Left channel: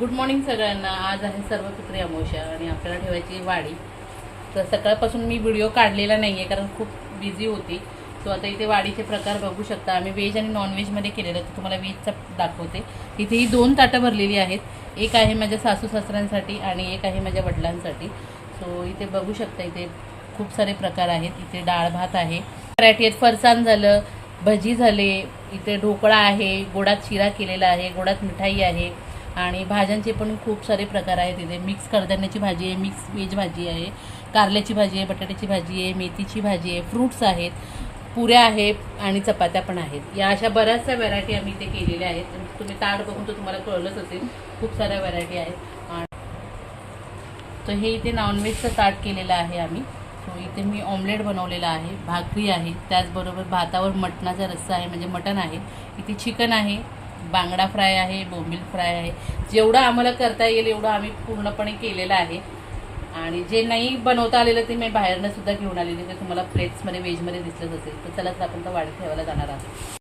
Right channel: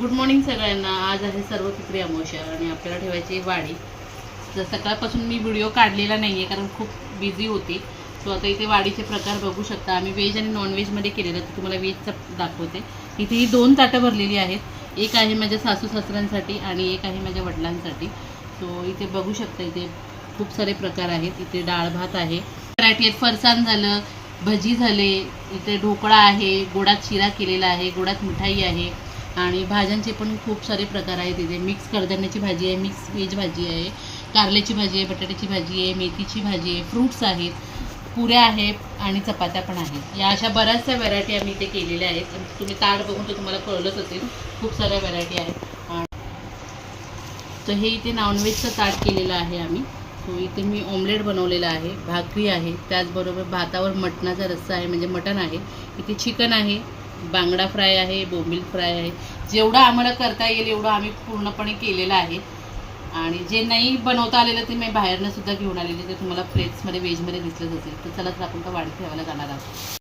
Good morning सगळ्यांना. आज आहे सर्वपित्री अमावस्या आणि आपल्याला ठेवायची वाडी. तर सकाळपासून मी व्हिडिओ काढलेला नाही आहे कारण खूप बिझी होती. सो आता इथे वाडीचे प्रकार बघू शकता. आम्ही व्हेज आणि नॉनव्हेजमध्ये केलेलं तर तुम्हाला व्हेजचं दाखवते. इथे ही दोन ताटं भरलेली आहेत. एक आहे माझ्या सासू सासऱ्यांसाठी आणि एक आहे माझ्या वडिलांसाठी. सो इथे बघू शकता इथे खूप सारे प्रकार आहेत. इथे डाळ भात आहे. व्हरायटी आहेत फरसाण झालं भजी झाले इथे ढोकळा आहे गोडात शिरा केलेला आहे गोडात मिठाई आहे. आणि भाज्यांचे पण खूप सारे प्रकार आहेत तिथे मिक्स कडधान्याची भाजी आहे मिक्स व्हेज भाजी आहे कारल्याची भाजी आहे बटाट्याची भाजी आहे मेथीची भाजी आहे फ्रूट्स आहेत पुऱ्या आहेत आणि चपात्या पण आहेत. या अशा बऱ्याचशा व्हरायटी आम्ही इथे केलेल्या आहेत. तुम्ही ताट बघून तर तुम्हाला कळलंच असेल खूप साऱ्या व्हरायटी आहेत. तर हे इथे नॉनव्हेजचं ताट केलेलं आहे आम्ही. सो इथे मी ऑमलेट बनवलेलं आहे भाकरी आहे त्याचबरोबर भातावर मटणाचा रस्सा आहे म्हणजे मटण आहे. इथे चिकन आहे बांगडा फ्राय आहे बोंबील फ्राय आहे. जेवढं आम्हाला करता येईल एवढं आम्ही पूर्णपणे केलेलं आहे. आणि जे नाही बनवता आलेलं ते मी बाहेरनं सुद्धा घेऊन आलेले ते तुम्हाला प्लेट्समध्ये व्हेजमध्ये दिसलंच असेल तर चला तर आपण तर वाढ ठेवायला जाणार आहोत.